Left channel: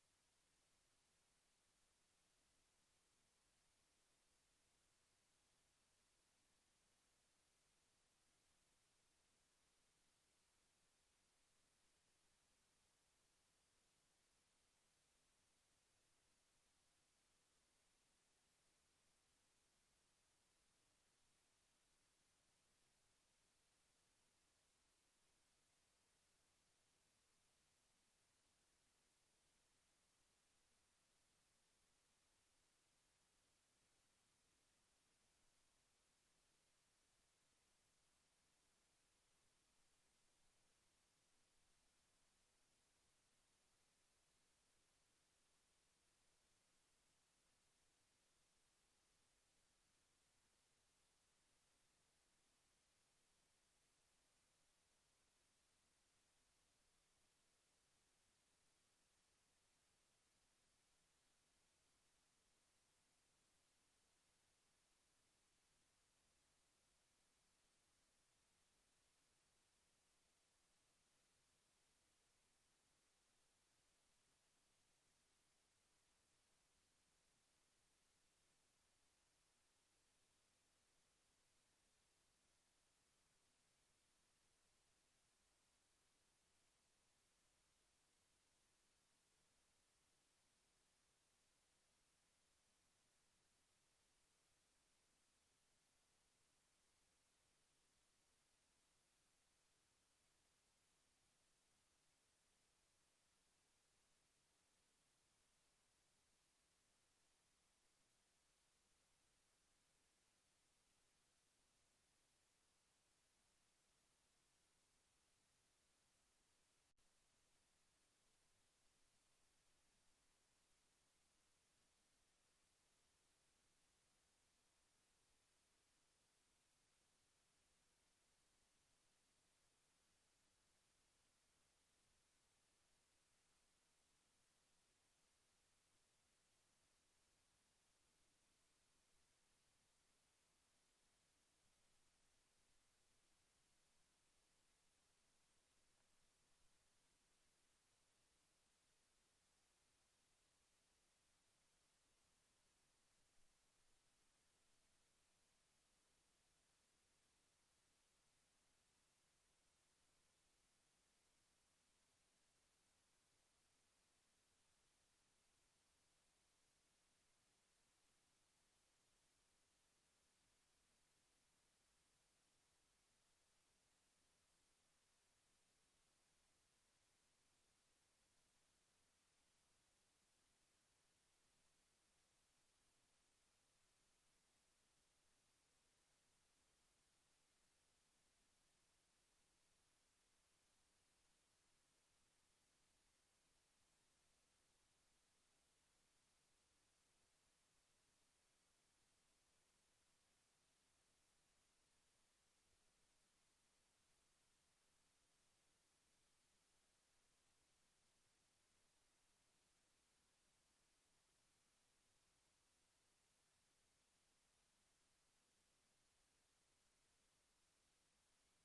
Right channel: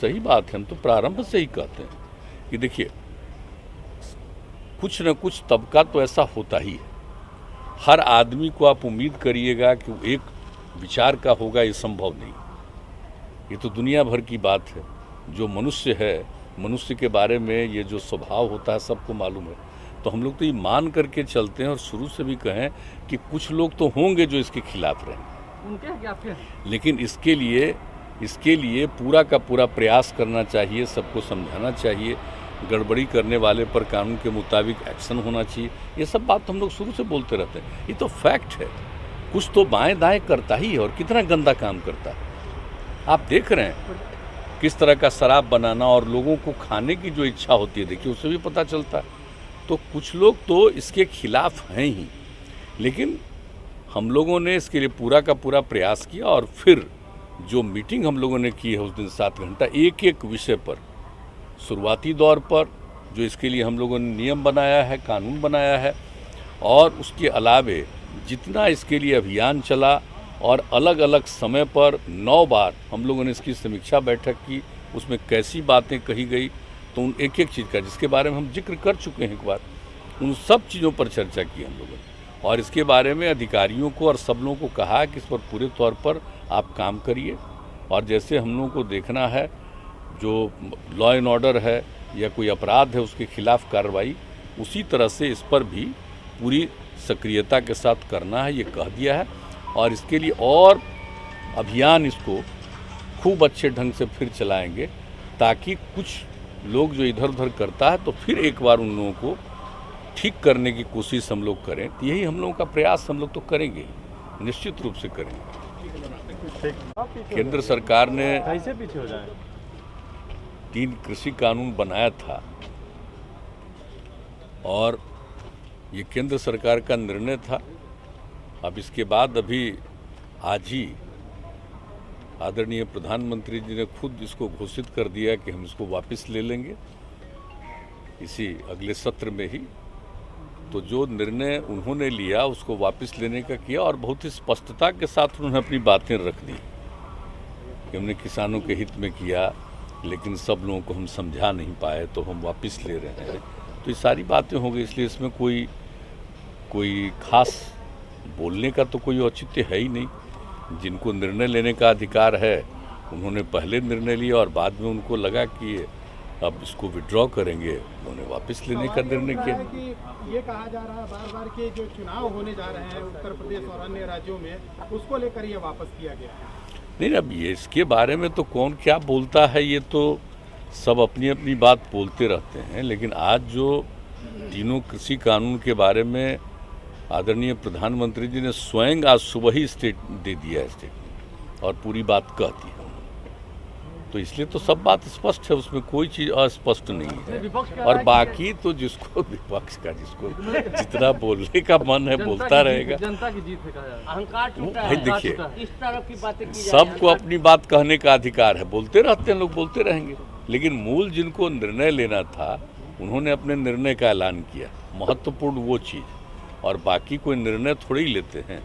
सही बात है, हम तो प्रारंभ से ही कहते हैं कि देखिए कुछ न कुछ तबका तो ऐसा होता ही है। हर आदमी को आप उम्मीद करिएगा कि वो एक विचार का होगा, ये संभव नहीं। ये तो दुनिया भर की बात है। जो मनुष्य है, मनुष्य के बारे में ये जो स्वभाव होता है सबको मालूम है। तो हम लोग तो ये मान करके चलते हैं और शुरू से भी कहें कि कुछ लोग तो होंगे जो इसके खिलाफ रहें, उनके क्या आपके? लेकिन इसके लिए पूरा का पूरा प्रयास करना चाहिए, सबको समझाना चाहिए, गड़बड़ी करने वाले पर कानून के मुताबिक एक्शन होना चाहिए। ये सब बात तो हम लोग शुरू से बोलते रहते हैं। ये तो फैक्ट है। कुछ तो बाएं दाएं करता ही है और कितना गंदा काम करता है। आप देख रहे हैं किस तरह का शराब बनाना और लोगों को खाने की जो इच्छा होती है, देखिए उससे भी पता चलता है। तो कुछ लोग तो इसके खिलाफ हैं ही, लेकिन हम लोगों ने इसके लिए पूरा का पूरा प्रयास किया और फिर जो मीटिंग हम लोगों ने की है उस दिन 7 घंटा एक एक विषय पर, शुरुआती दौर पर जो इसके लिए हम लोगों ने नियम बनाया है, कानून बनाया है, और उसके अलावे जितना इसके लिए अभियान चला और अलग अलग समय पर 9 बार हम लोगों ने इसकी समीक्षा बैठक की, उसमें कैसी बातें कही गई, तो उन एक एक चीज़ का जिसके बारे में हम जिक्र कर चुके हैं एक बार, उन सब चीज़ों पर चर्चा की हम लोगों ने। और इसके बारे में अधिकारियों को और सब लोगों को कहा कि इस पर पूरे तौर पर आप काम करिए, और जैसे हम लोगों को देखना है जो लॉ एंड ऑर्डर है या कोई अपराध है उसके खिलाफ कार्रवाई, उसी तरह से इस पर भी पूरी सक्रियता के साथ करना है, ये कह दिया है। और इसके लिए और अभियान इसको खूब अच्छे ढंग से फिर चलाएंगे, ताकि कुछ लोग जो इधर उधर करता है तो फिर एक बार उन लोगों को ठीक करने की कोशिश हम लोग करें। तो यही हम लोगों का प्रयास हम लोग तो करेंगे, निश्चित रूप से करेंगे। केंद्र सरकार ने कैसे पीछे हो जाए 3 कृषि कानून बनाया था और ये केंद्र सरकार का निर्णय था। अब इसके बाद अभी आज ही आदरणीय प्रधानमंत्री जी ने खुद इसको घोषित कर दिया कि हम इसको वापस ले लेंगे इसी अगले सत्र में ही। तो जो निर्णय उन्होंने लिया उसको वापस लेने का किया और बहुत ही स्पष्टता के साथ उन्होंने अपनी बातें रख दी कि हमने किसानों के हित में किया, लेकिन सब लोगों को हम समझा नहीं पाए तो हम वापस ले रहे हैं। तो ये सारी बातें हो गई, इसलिए इसमें कोई खास बोलने का तो कोई औचित्य है ही नहीं। जिनको निर्णय लेने का अधिकार है उन्होंने पहले निर्णय लिया और बाद में उनको लगा कि अब इसको विड्रॉ करेंगे, उन्होंने वापस लेने का निर्णय किया। ये कहा जा रहा है बार बार कि जो चुनाव होने जा रहे हैं उत्तर प्रदेश और अन्य राज्यों में, उसको लेकर ये वापस किया गया है। नहीं, अब ये इसके बारे में तो कौन क्या बोलता है, ये तो सब अपनी अपनी बात बोलते रहते हैं। लेकिन आज जो तीनों कृषि कानून के बारे में आदरणीय प्रधानमंत्री जी ने स्वयं आज सुबह ही दे दिया है स्टेटमेंट, और पूरी बात कहती है, तो इसलिए तो सब बात स्पष्ट है, उसमें कोई चीज़ अस्पष्ट नहीं है। और बाकी तो जिसको विपक्ष का जिसको जितना बोलने का मन है बोलता रहेगा। जनता की जीत है, अहंकार टूटा भाई है, देखिए, इस तरह की बातें की जा रही सबको अपनी बात कहने का अधिकार है, बोलते रहते हैं लोग, बोलते रहेंगे। लेकिन मूल जिनको निर्णय लेना था उन्होंने अपने निर्णय का ऐलान किया, महत्वपूर्ण वो चीज़। और बाकी कोई निर्णय थोड़े ही लेते हैं,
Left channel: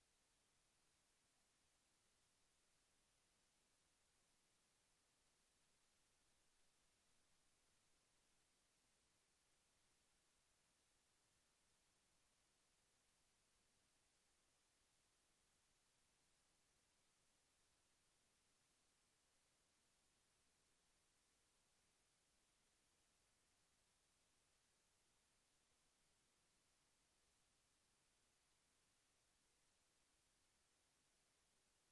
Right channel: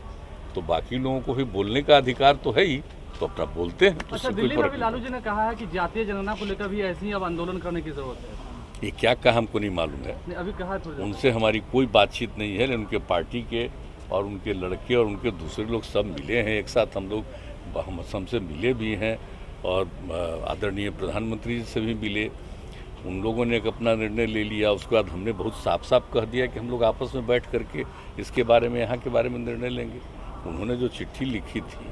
तो बाकी लोगों को भी बोलने का अधिकार तो है ही, तो अपना बोलते हैं। तो अच्छा, दिल्ली में भी लालू जी ने कहा है कि जातीय जनगणना को लेकर भी ऐसे ही अब आंदोलन करने की जरूरत है। ये क्या कहा हमको नहीं मालूम है, अभी कहा उनसे हमारी कोई बातचीत नहीं है। उनके पार्टी के और उनके लड़के और उनके दूसरे लोग सब मिले हैं एक साथ, हम लोग हमसे मिले भी हैं और आदरणीय प्रधानमंत्री जी से भी मिले। उन लोगों ने एक अपना निर्णय ले लिया, उसके बाद हमने बहुत साफ साफ कह दिया कि हम लोग आपस में बैठ करके इसके बारे में, यहाँ के बारे में निर्णय लेंगे। उन्होंने जो चिट्ठी लिखी थी,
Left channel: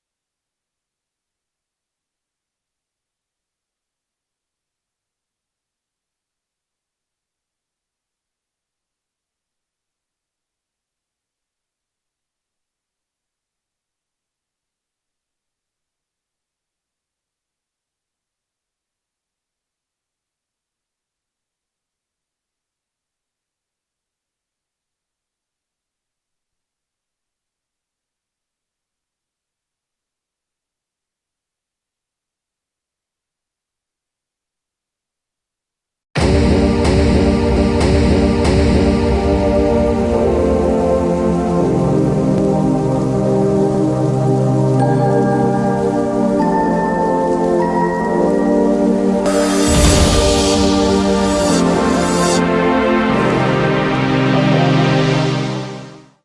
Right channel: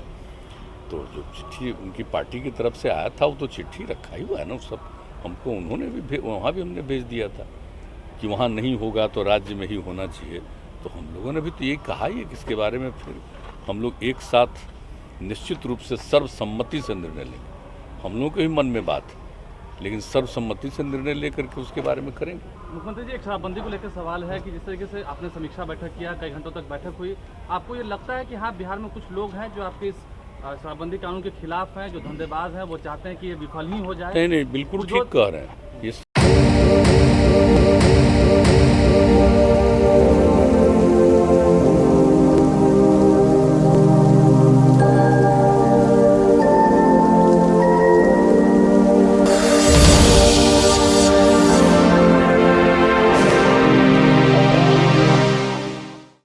तो जो चिट्ठी उनकी पार्टी की तरफ से आया था वो तो चिट्ठी रखा ही हुआ है ना सब, हमको उन्होंने भी वहाँ भी हमने भेज दिया था कि वहाँ नहीं होगा तो राज्य में ही होना चाहिए। तो हम लोगों ने भी तो ये कहा ही है कि इसके बारे में फिर हम लोग एक साथ निश्चित रूप से सर्वसम्मति से निर्णय लेंगे। हम लोगों के भी मन में बात है, लेकिन सर्वसम्मति से निर्णय लेकर के उसके बारे में करेंगे। मुख्यमंत्री जी, एक शराबबंदी को लेकर सवाल है कि जिस तरीके से आपने समीक्षा बैठक किया, कई घंटों तक बैठक हुई, आपको ये लगता है कि हाँ बिहार में कुछ लोग हैं जो आपके इस शराबबंदी कानून के खिलाफ हैं, जो धंधेबाज हैं, वो चाहते हैं कि ये विफल ही हो जाए? नहीं, बिल्कुल ठीक कह रहे हैं।